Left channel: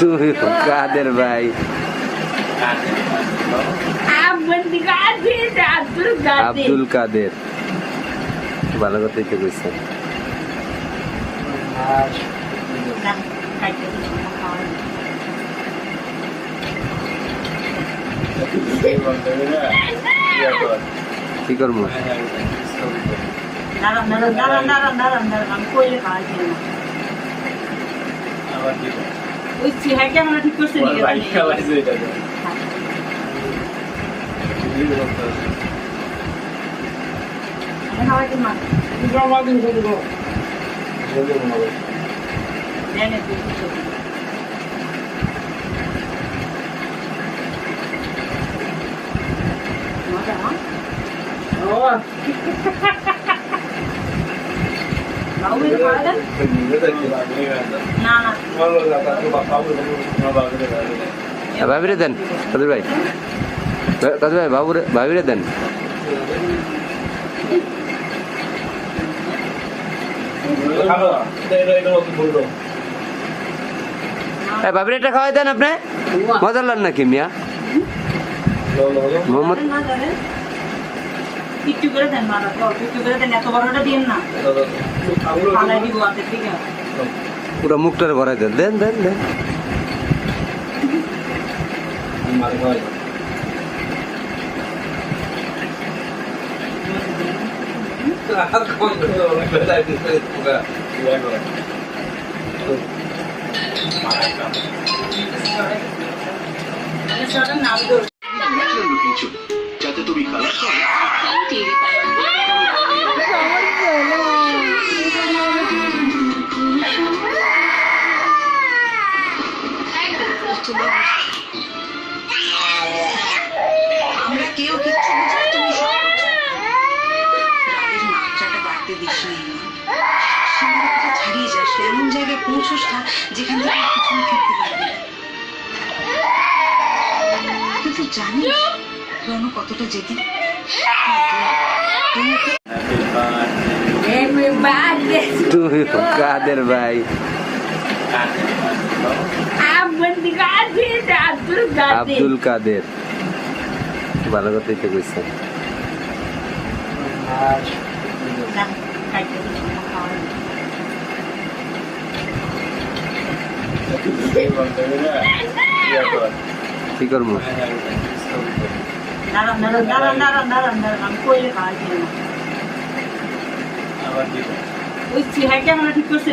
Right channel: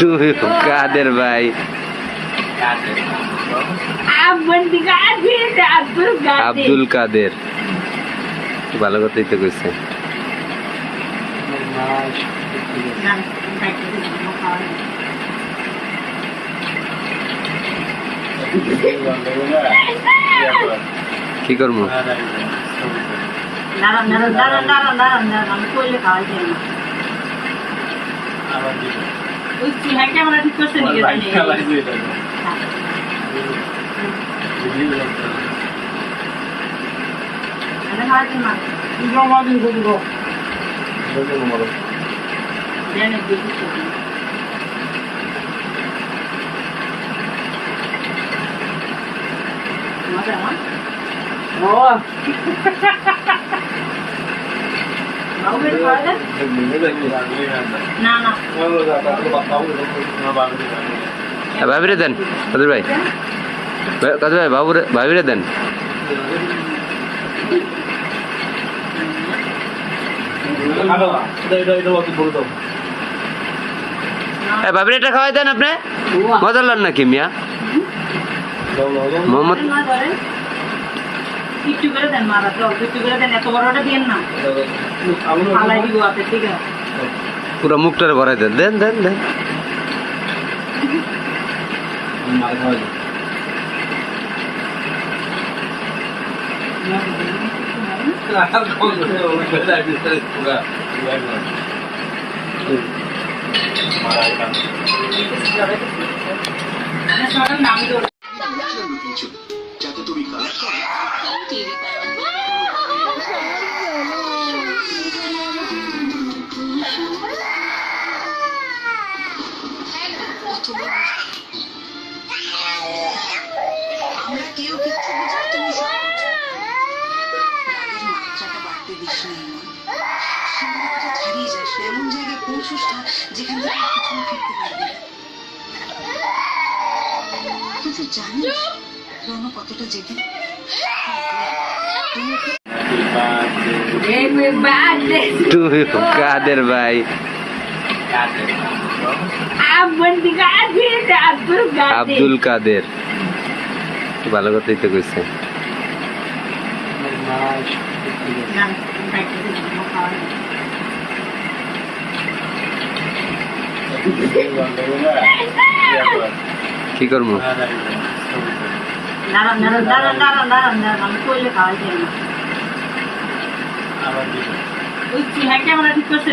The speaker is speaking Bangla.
তুমি কাদের ভাই? আব্দুল কাদের। ভালো কথাই তো কইছে। কি করবো? ভাবিরে দেন কাদের ভাই, কাদের ভাই বাবুরে ভাবিরে দেন। ভাবিরে এটা খাওয়াই দেন আপনি, মজার লান নাকি মিয়া মোহাম্মদ? একটু করে দেন মারা, একটু করে দেন, এত বড়টা দিয়েন না, ফালাই দিব আপনি, ঠিক আছে? পুরো মুখটারে ভরাই দেন, দেন দেন দেন। যাতে তুমি খারাপ আমরা কেউ কিচ্ছু বুঝি, তুমি সব রাগের মাত্রাটা বাড়তে দিস নি, সীমাটা ছাড়িয়ে যাস, এমন জায়গায় পৌঁছস না যেখান থেকে কিছু ফিরতে পারবি না। কিন্তু জানিস রণ কতটা জেদি? তুমি কাদের ভাই? আব্দুল কাদের। ভালো কথাই তো কইছে। কি করবো? ঠিক করছে